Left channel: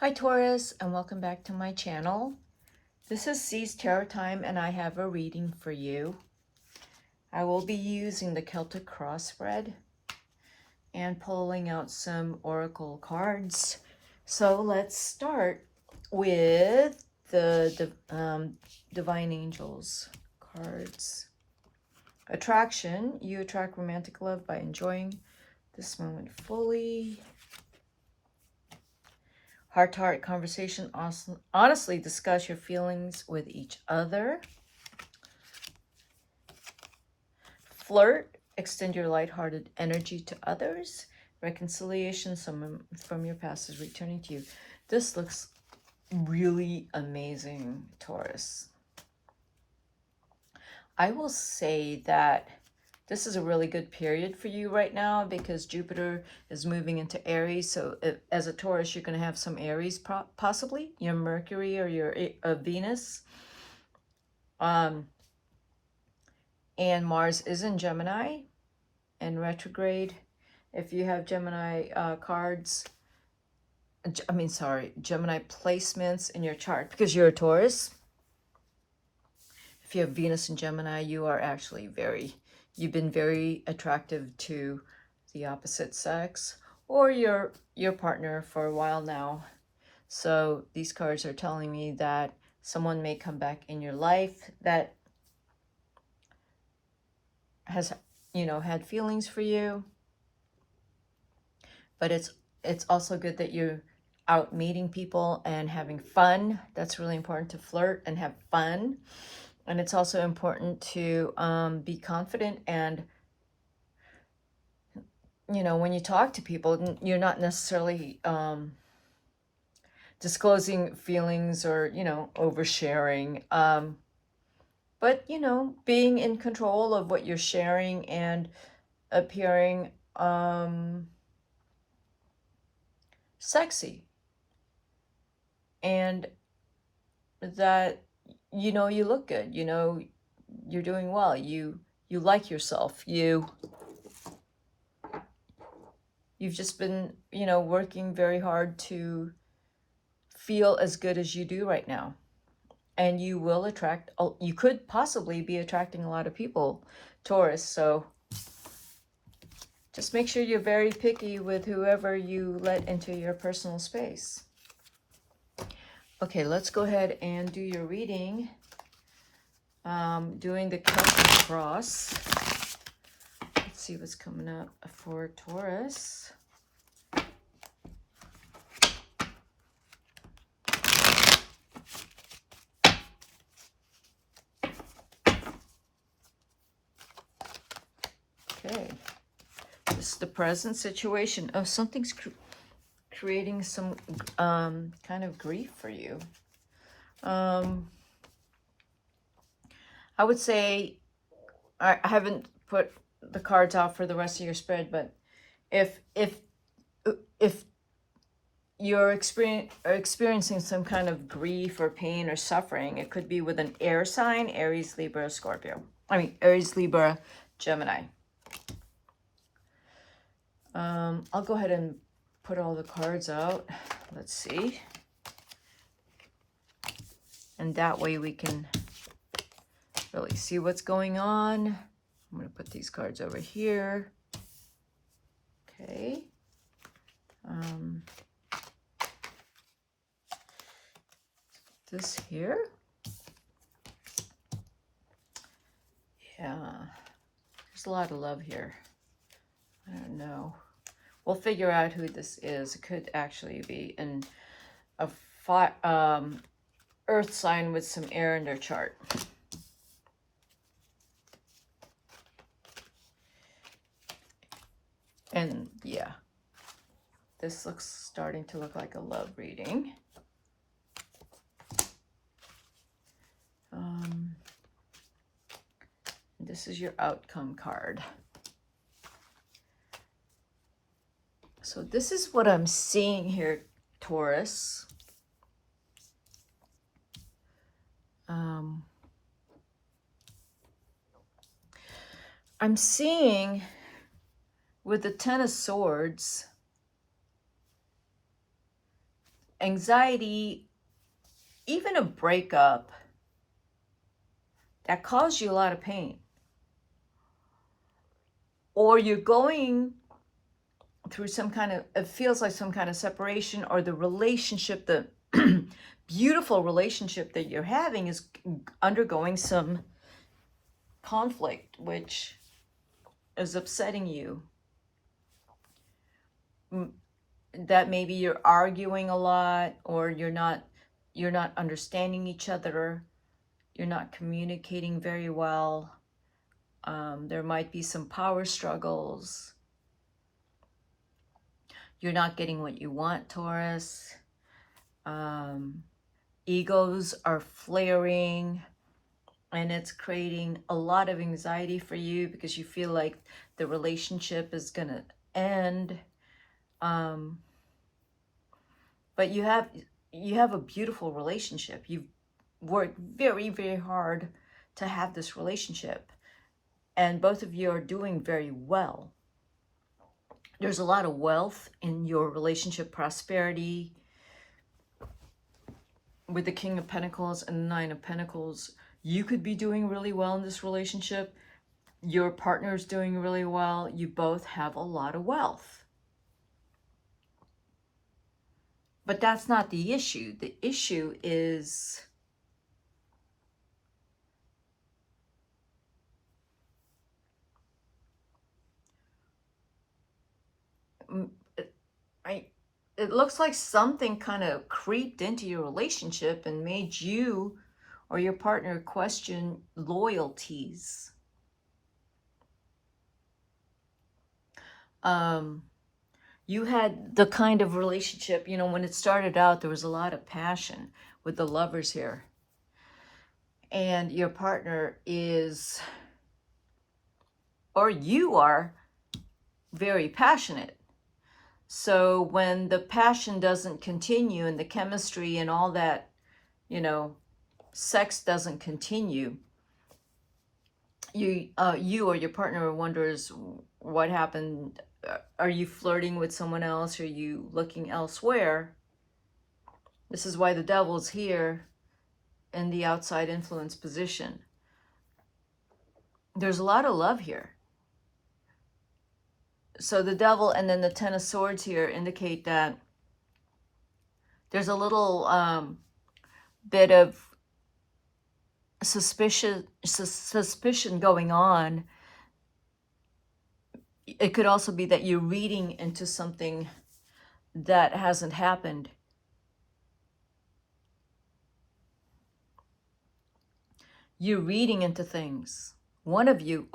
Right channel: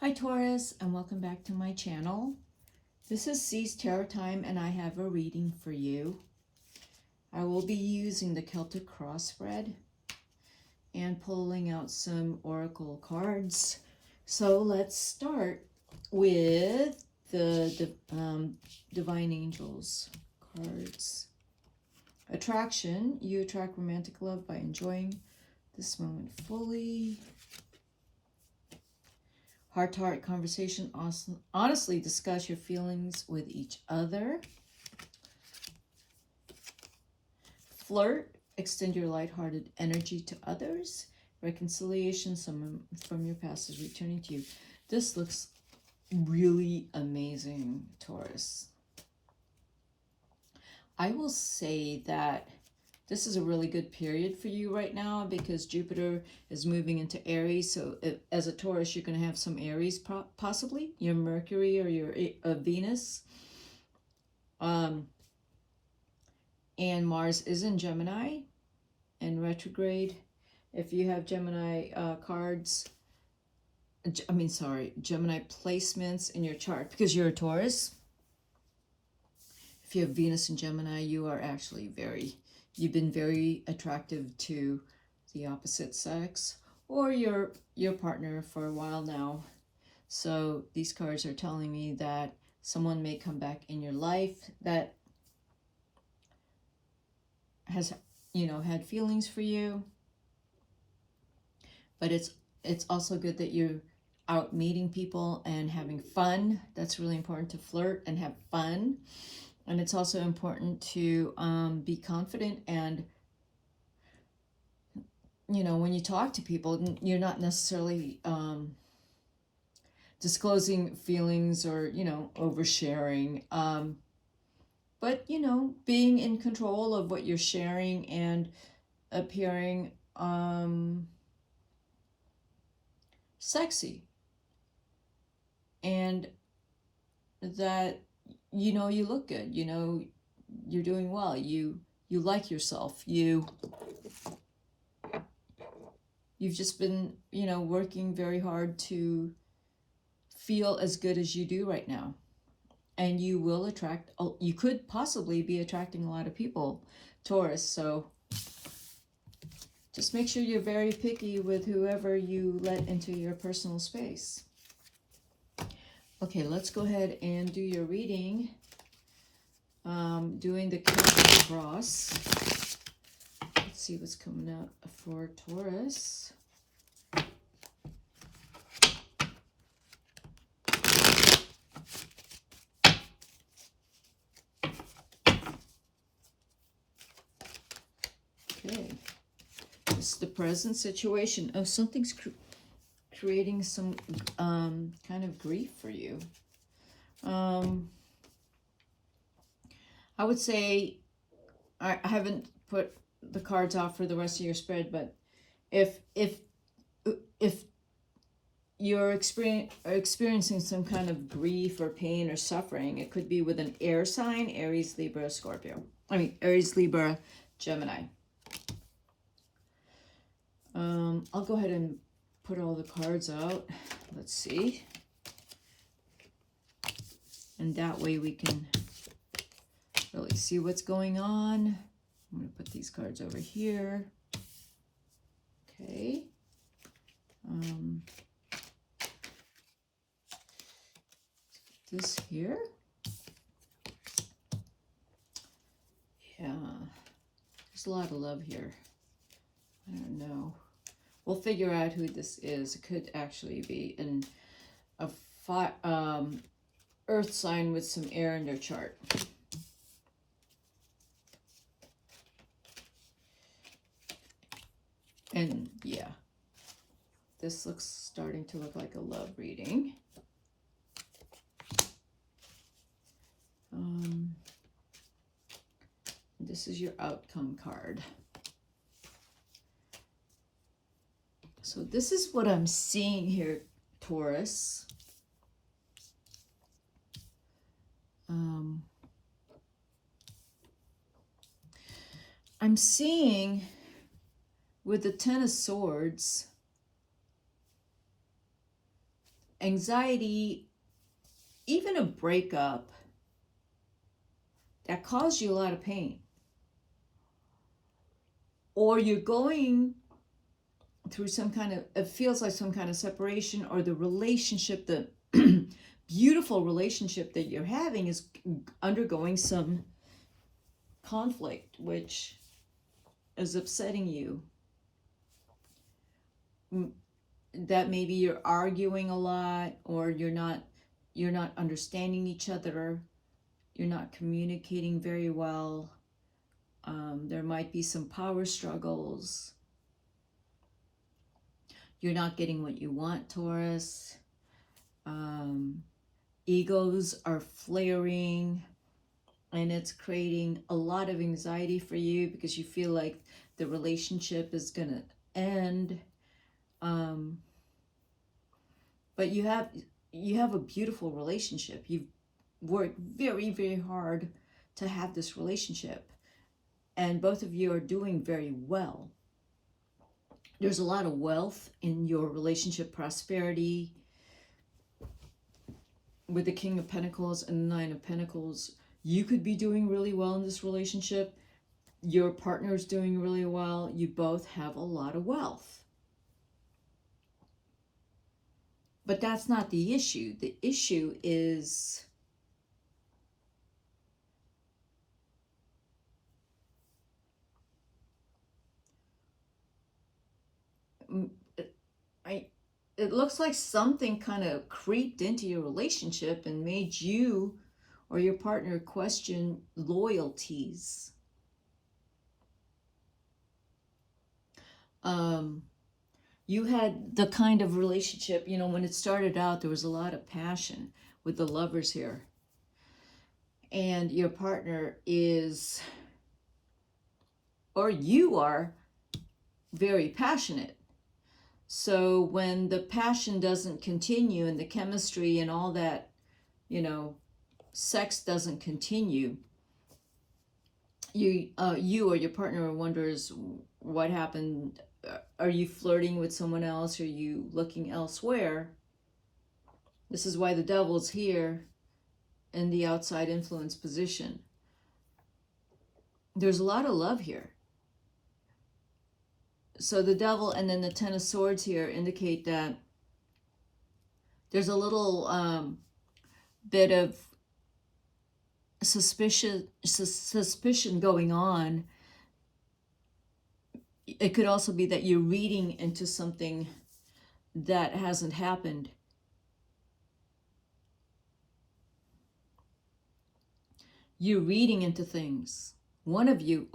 Hi Taurus, and welcome back to my channel. This is C's Tarot Time, and I have a reading for you. I will be using the Celtic cross spread and pulling out some oracle cards. So let's start with the Divine Angels cards. Attraction. You attract romantic love by enjoying this moment fully. Heart-to-heart conversation. Honestly discuss your feelings with each other. Flirt. Extend your lighthearted energy to others. Reconciliation. Someone from your past is returning to you. This looks really amazing, Taurus. I will say that this is a really good period for you right now because Jupiter is moving into Aries. So as a Taurus, you're going to have some Aries, possibly your Mercury or your Venus. And Mars is in Gemini in retrograde. If you have Gemini Gemini placements in your chart, because you're a Taurus. If you have Venus in Gemini, you are actually you've been very attractive to the opposite sex or your partner for a while now. So these cards are telling me that someone may come back in your life that has, had feelings for you. But it's also good that you're out meeting people and having fun. That's really important, to flirt and have fun. And it's also important to be confident and, when you talk to people, you're not necessarily disclosing feelings or, oversharing. But, being in control of what you're sharing and appearing sexy. And that, you look good, you're doing well, you like yourself, you've just been, working very hard to feel as good as you do right now. And you will attract, you could possibly be attracting a lot of people, Taurus. So just make sure you're very picky with whoever you let into your personal space. Okay, let's go ahead and do your reading. Doing the Celtic cross. Let's see what's coming up for Taurus. Okay, this is the present situation. Oh, something's creating some kind of grief for you. I would say, I haven't put the cards out for the rest of your spread, but if you're experiencing some kind of grief or pain or suffering, it could be with an air sign, Aries, Libra, Scorpio. Aries, Libra, Gemini. I'll go ahead and put all the cards out. Let's see. And that way we can really see what's going on. I'm going to put these cards over here. Okay. This here. Yeah. There's a lot of love here. I don't know. We'll figure out who this is. It could actually be a earth sign with some air in their chart. And yeah, this starting to look like a love reading. This is your outcome card. So this is what I'm seeing here, Taurus. I'm seeing with the Ten of Swords, anxiety, even a breakup that caused you a lot of pain, or you're going through some kind of, it feels like some kind of separation, or the relationship, the beautiful relationship that you're having is undergoing some conflict, which is upsetting you. That maybe you're arguing a lot, or you're not understanding each other, you're not communicating very well. There might be some power struggles. You're not getting what you want, Taurus. Egos are flaring, and it's creating a lot of anxiety for you because you feel like the relationship is going to end. But you have a beautiful relationship. You've worked very, very hard to have this relationship, and both of you are doing very well. There's a lot of wealth in your relationship, prosperity. With the King of Pentacles and the Nine of Pentacles, you could be doing really well in this relationship. Your partner's doing really well. You both have a lot of wealth. But that's not the issue. The issue is it looks like something kind of creeped into your relationship and made you or your partner question loyalties. You had the kind of relationship, you know, when it started out, there was a lot of passion with the Lovers here. And your partner is, or you are, very passionate. So when the passion doesn't continue and the chemistry and all that, you know, sex doesn't continue, you or your partner wonders what happened. Are you flirting with someone else? Are you looking elsewhere? This is why the Devil's here in the outside influence position. There's a lot of love here. So the Devil and then the Ten of Swords here indicate that there's a little bit of suspicion going on. It could also be that you're reading into something that hasn't happened. You're reading into things. One of you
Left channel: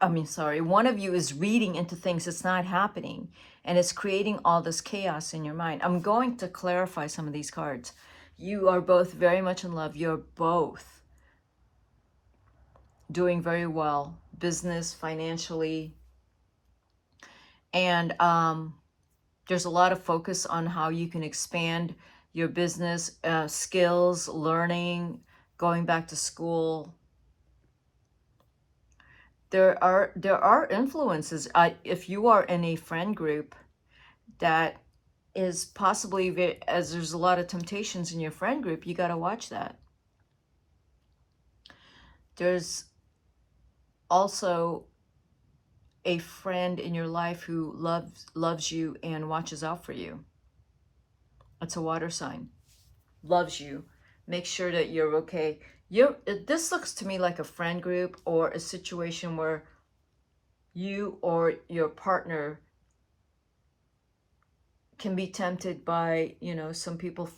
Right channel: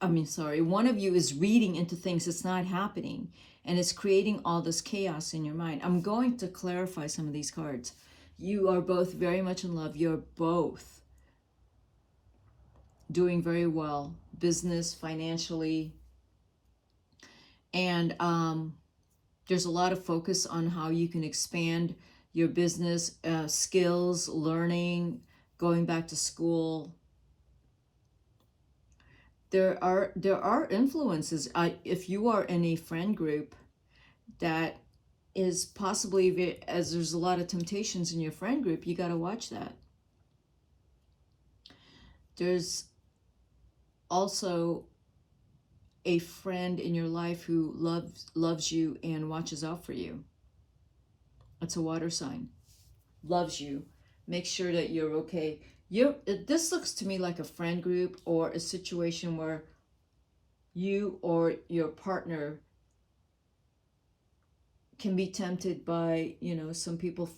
is reading into things that's not happening, and it's creating all this chaos in your mind. I'm going to clarify some of these cards. You are both very much in love. You're both doing very well, business, financially. And there's a lot of focus on how you can expand your business, skills, learning, going back to school. There are influences. If you are in a friend group that is possibly, as there's a lot of temptations in your friend group, you got to watch that. There's also a friend in your life who loves you and watches out for you. It's a water sign. Loves you. Make sure that you're okay. This looks to me like a friend group or a situation where you or your partner can be tempted by, you know, some people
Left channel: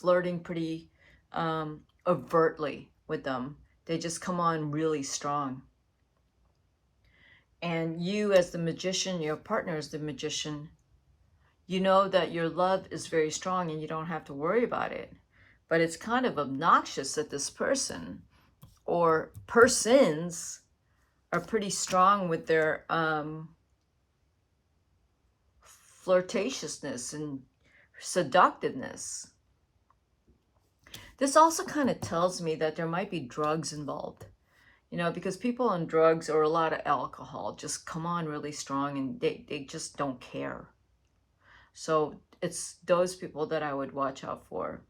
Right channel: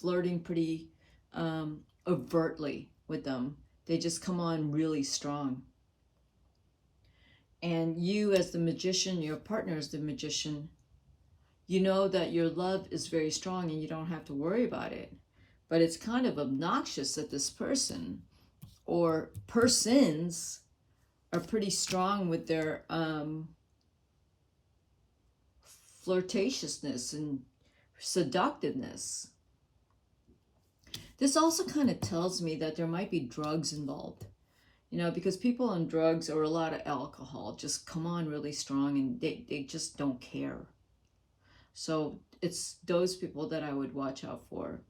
flirting pretty overtly with them. They just come on really strong. And you as the Magician, your partner is the Magician, you know that your love is very strong and you don't have to worry about it. But it's kind of obnoxious that this person or persons are pretty strong with their flirtatiousness and seductiveness. This also kind of tells me that there might be drugs involved. You know, because people on drugs or a lot of alcohol just come on really strong and they just don't care. So it's those people that I would watch out for.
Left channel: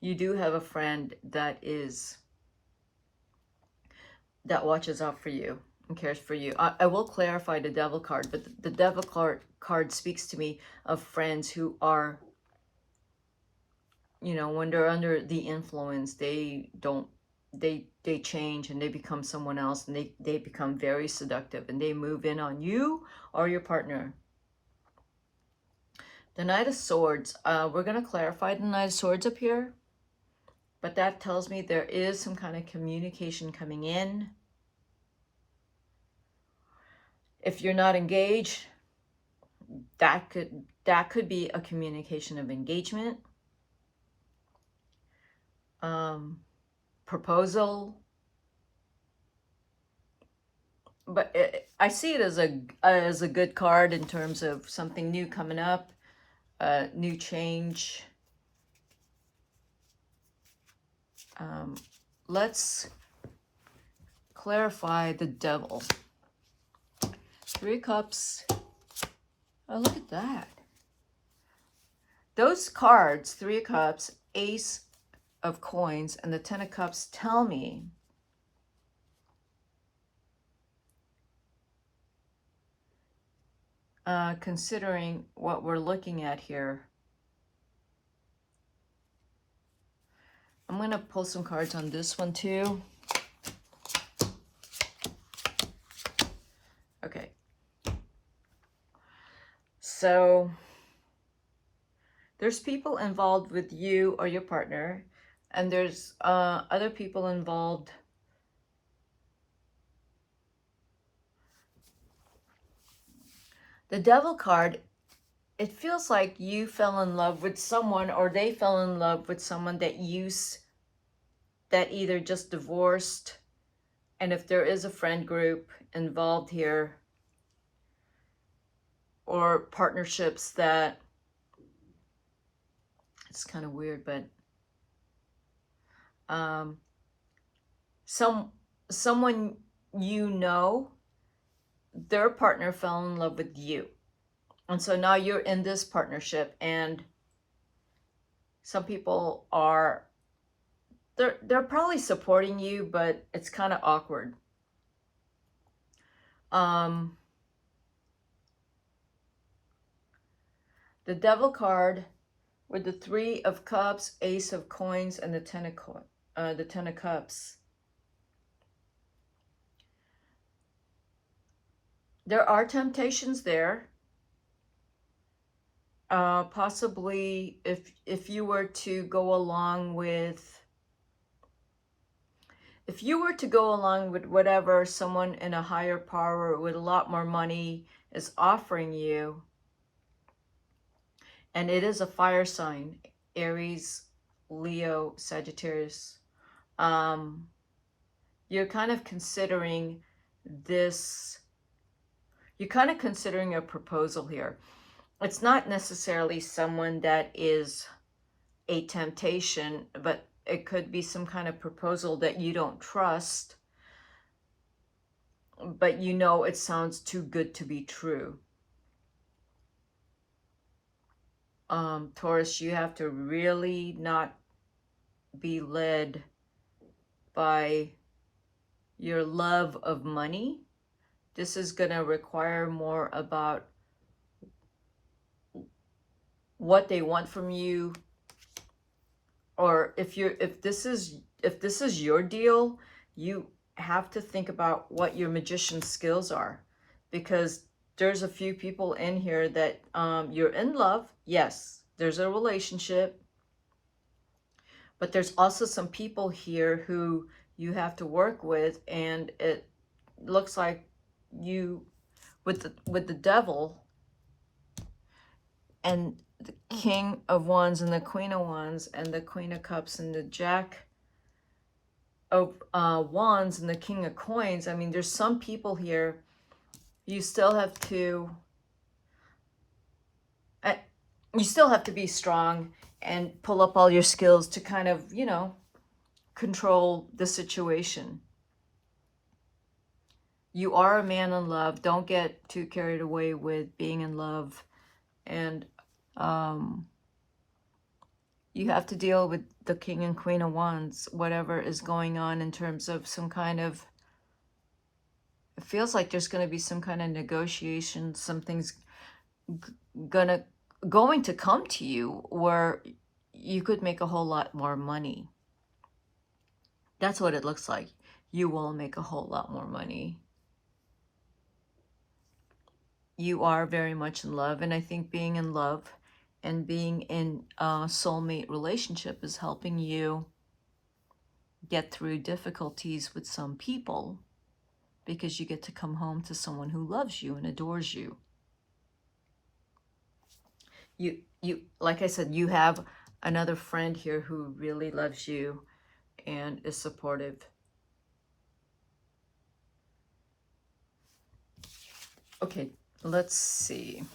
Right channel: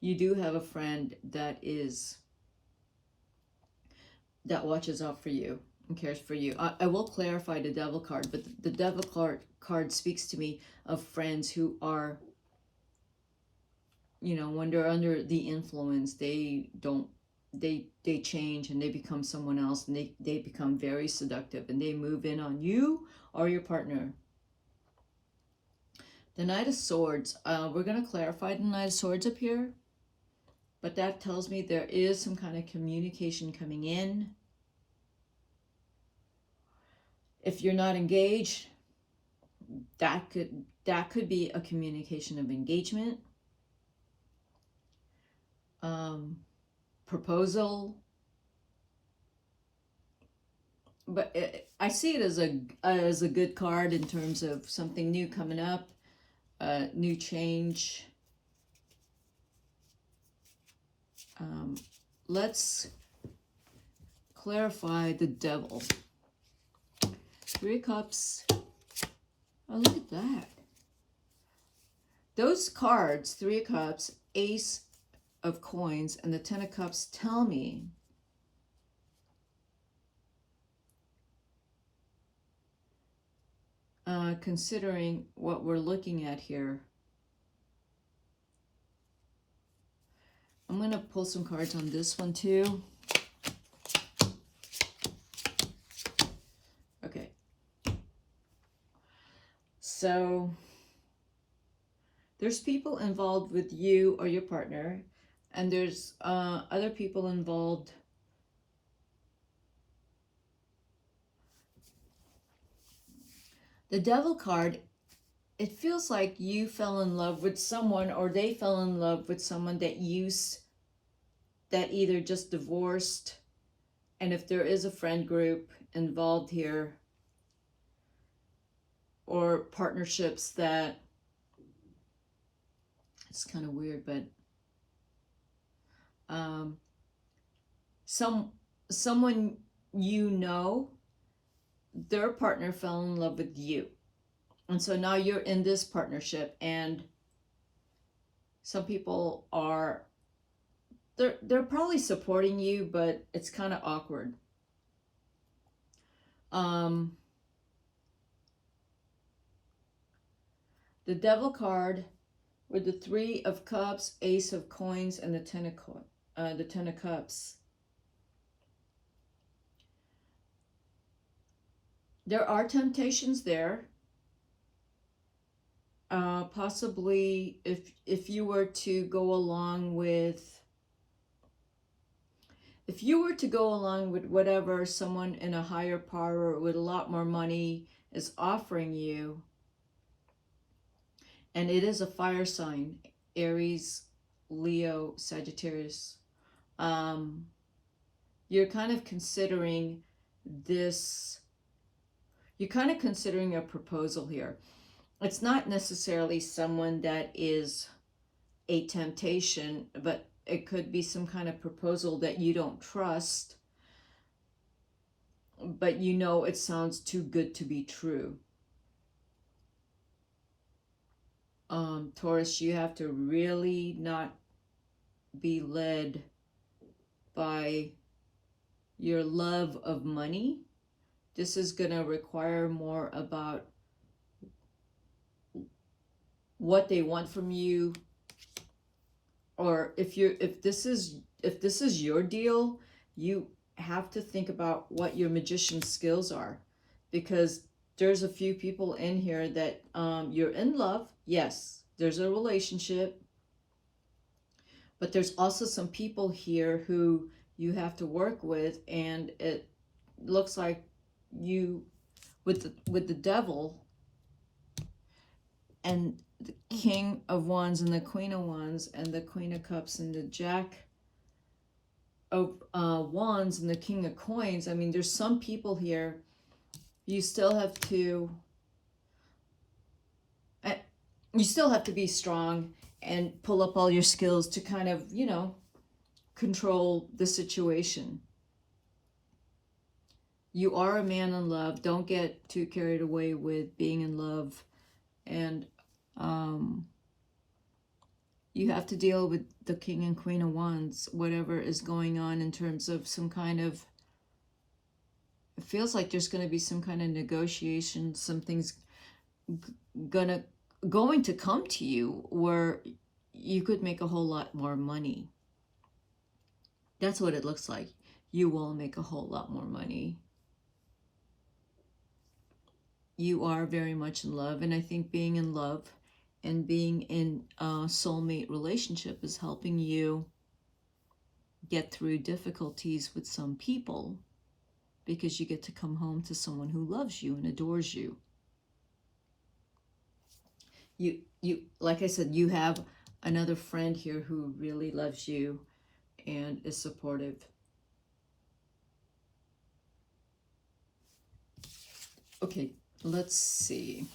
You do have a friend that watches out for you and cares for you. I will clarify the devil card, but the devil card speaks to me of friends who are, you know, when they're under the influence, they change and they become someone else, and they become very seductive, and they move in on you or your partner. The Knight of Swords, we're going to clarify the Knight of Swords up here, but that tells me there is some kind of communication coming in. If you're not engaged, that could be a communication of engagement, proposal. But I see it as a good card in terms of something new coming up, new change. Let's clarify the Devil. 3 Cups. Oh, look at that. Those cards, 3 Cups, Ace of Coins, and the 10 of Cups, tell me considering what we're looking at here. I'm going to pull some cards on this one too. Okay. So there's people involved with you or your partner, and there's other people involved. The Devil card, it feels like you fell in love with someone, or they fell in love with someone that either just divorced, and if there is a friend group involved here, or partnerships that, it's kind of weird, but someone you know, their partner fell in love with you, and so now you're in this partnership, and some people are, they're probably supporting you, but it's kind of awkward. The Devil card with the 3 of Cups, Ace of Coins, and the 10 of Cups. There are temptations there. Possibly if you were to go along with whatever someone in a higher power with a lot more money is offering you, and it is a fire sign, Aries, Leo, Sagittarius, you're kind of considering this, you're kind of considering a proposal here. It's not necessarily someone that is a temptation, but it could be some kind of proposal that you don't trust, but you know it sounds too good to be true. Taurus, you have to really not be led by your love of money. This is going to require more about what they want from you, or if this is your deal, you have to think about what your magician skills are, because there's a few people in here that you're in love. Yes, there's a relationship, but there's also some people here who you have to work with, and it looks like you, with the Devil and the King of Wands and the Queen of Wands and the Queen of Cups and the Jack of Wands and the King of Coins. I mean, there's some people here you still have to be strong and pull up all your skills to kind of, you know, control the situation. You are a man in love. Don't get too carried away with being in love. And You have to deal with the King and Queen of Wands, whatever is going on in terms of some kind of, it feels like there's going to be some kind of negotiation, something's going to come to you where you could make a whole lot more money. That's what it looks like. You will make a whole lot more money. You are very much in love, and I think being in love and being in a soulmate relationship is helping you get through difficulties with some people, because you get to come home to someone who loves you and adores you. You like I said, you have another friend here who really loves you and is supportive. Okay, let's see.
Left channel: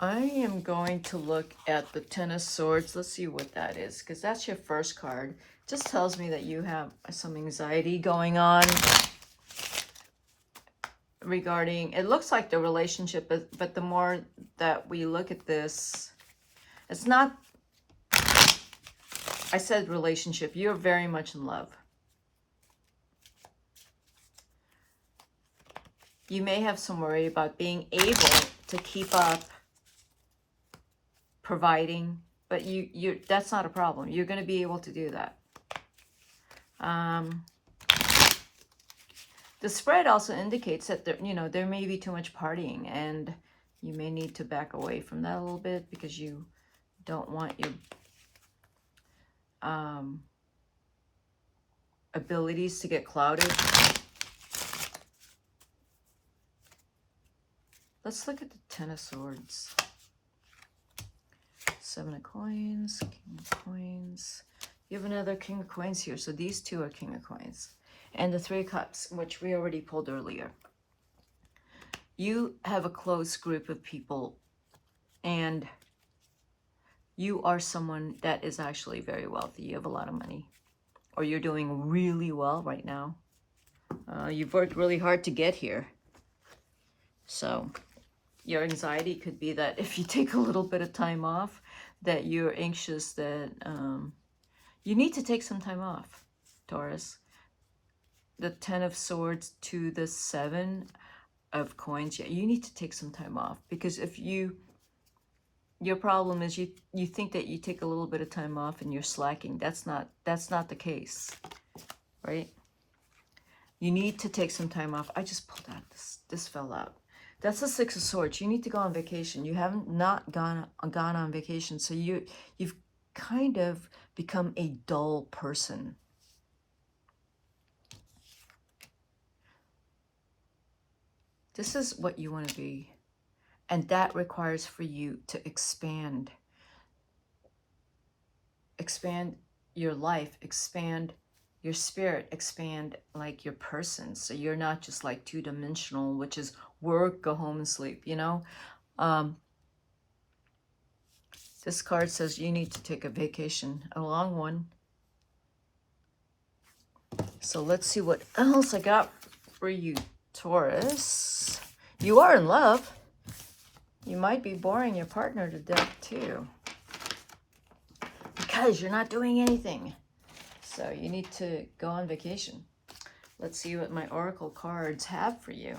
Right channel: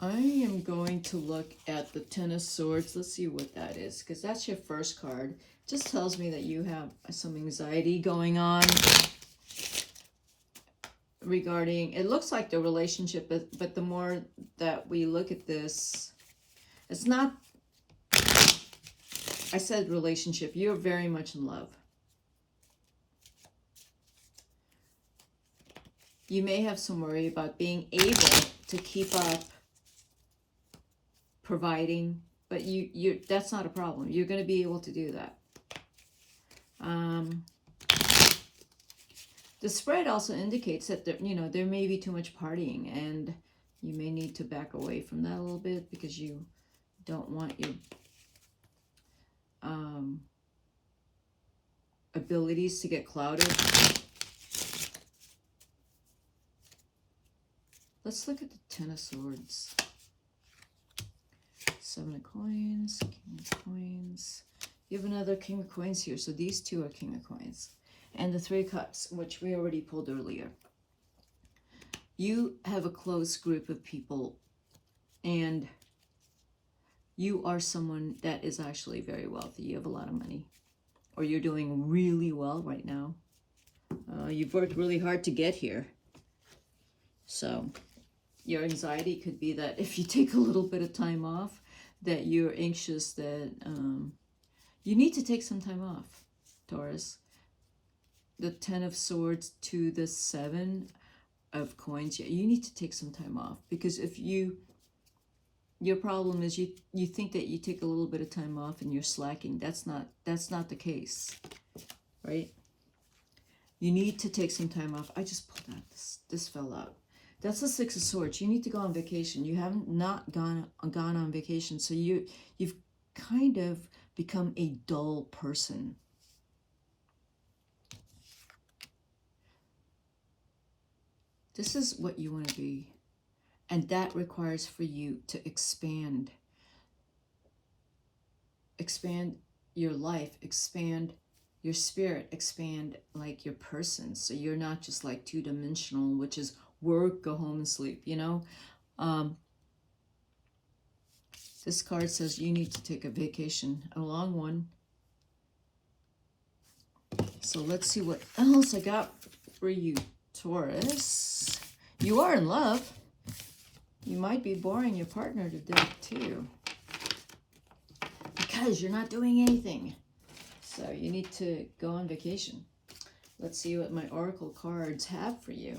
I am going to look at the Ten of Swords. Let's see what that is, because that's your first card. Just tells me that you have some anxiety going on regarding, it looks like the relationship, but the more that we look at this, it's not, I said relationship, you're very much in love. You may have some worry about being able to keep up providing, but you that's not a problem. You're going to be able to do that. The spread also indicates that there may be too much partying, and you may need to back away from that a little bit, because you don't want your abilities to get clouded. Let's look at the Ten of Swords. Seven of Coins, King of Coins. You have another King of Coins here, so these two are King of Coins. And the Three of Cups, which we already pulled earlier. You have a close group of people, and you are someone that is actually very wealthy. You have a lot of money, or you're doing really well right now. You've worked really hard to get here. So your anxiety could be that if you take a little bit of time off, that you're anxious that you need to take some time off, Taurus. The Ten of Swords to the Seven of Coins, yeah, you need to take some time off, because if your problem is you think that you take a little bit of time off and you're slacking. That's not the case, right? You need to take some time off. I just pulled out this fell out. That's the Six of Swords. You need to go on vacation. You haven't not gone on vacation, so you've kind of become a dull person. This is what you want to be, and that requires for you to expand your life, expand your spirit, expand like your person, so you're not just like two-dimensional, which is work, go home and sleep, This card says you need to take a vacation, a long one. So let's see what else I got for you, Taurus. You are in love. You might be boring your partner to death too, because you're not doing anything. So you need to go on vacation. Let's see what my oracle cards have for you.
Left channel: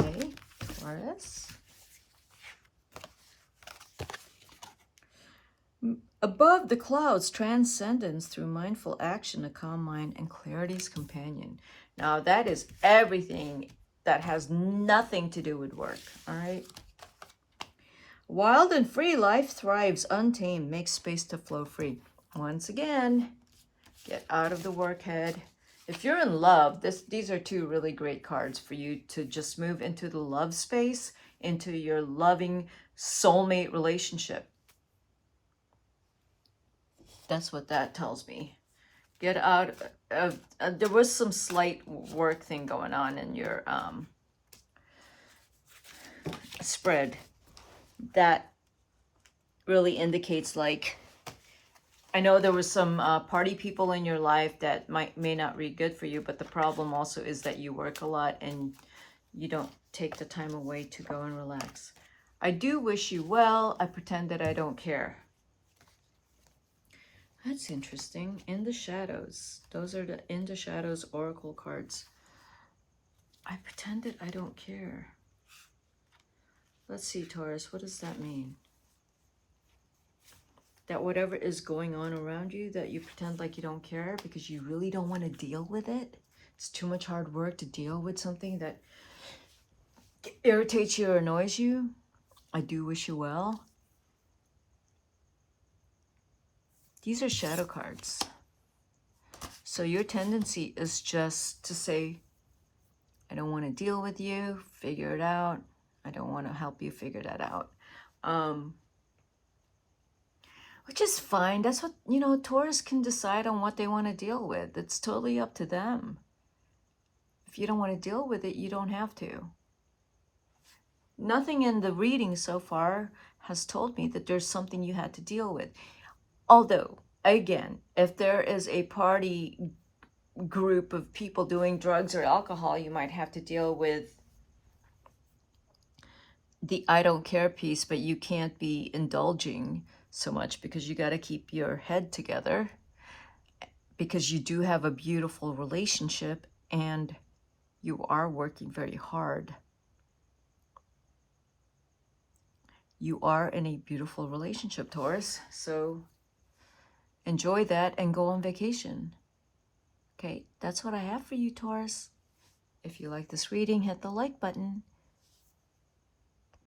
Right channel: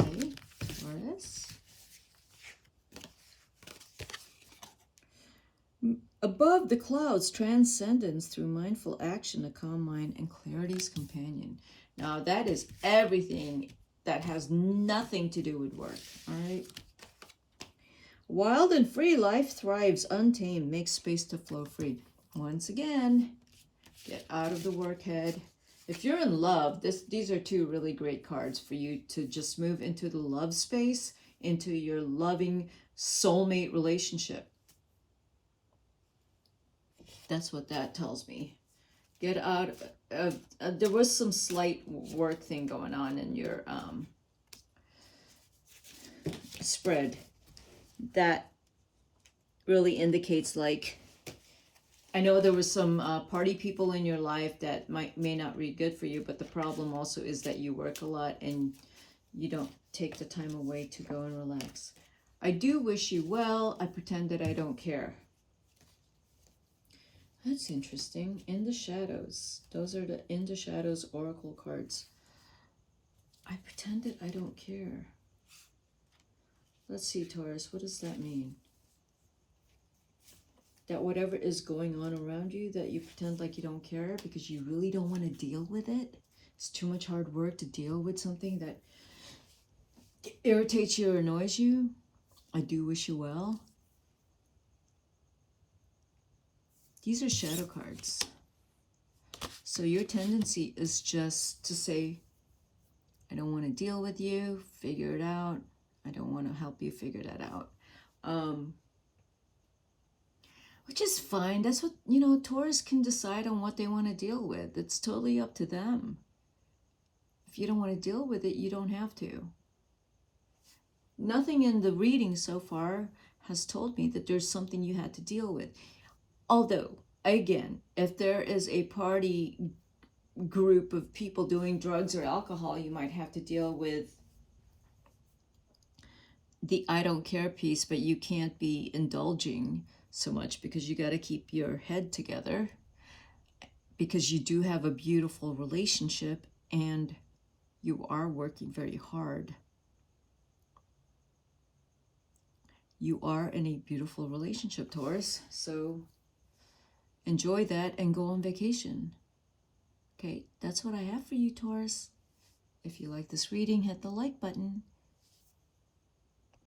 Okay, Taurus. Above the clouds, transcendence through mindful action, a calm mind, and clarity's companion. Now that is everything that has nothing to do with work, all right? Wild and free, life thrives, untamed, makes space to flow free. Once again, get out of the work head. If you're in love, these are two really great cards for you to just move into the love space, into your loving soulmate relationship. That's what that tells me. Get out of, there was some slight work thing going on in your spread that really indicates, like, I know there was some party people in your life that may not be good for you, but the problem also is that you work a lot and you don't take the time away to go and relax. I do wish you well. I pretend that I don't care. That's interesting. In the shadows. Those are the In the Shadows oracle cards. I pretend that I don't care. Let's see, Taurus, what does that mean? That whatever is going on around you, that you pretend like you don't care because you really don't want to deal with it. It's too much hard work to deal with something that irritates you or annoys you. I do wish you well. These are shadow cards. So your tendency is just to say, I don't want to deal with you, figure it out. I don't want to help you figure that out. Which is fine. That's what, you know, Taurus can decide on what they want to deal with. It's totally up to them. If you don't want to deal with it, you don't have to. Nothing in the reading so far has told me that there's something you had to deal with. Although, again, if there is a party group of people doing drugs or alcohol, you might have to deal with the I don't care piece, but you can't be indulging so much because you got to keep your head together, because you do have a beautiful relationship and you are working very hard. You are in a beautiful relationship, Taurus. So enjoy that and go on vacation. Okay, that's what I have for you, Taurus. If you like this reading, hit the like button.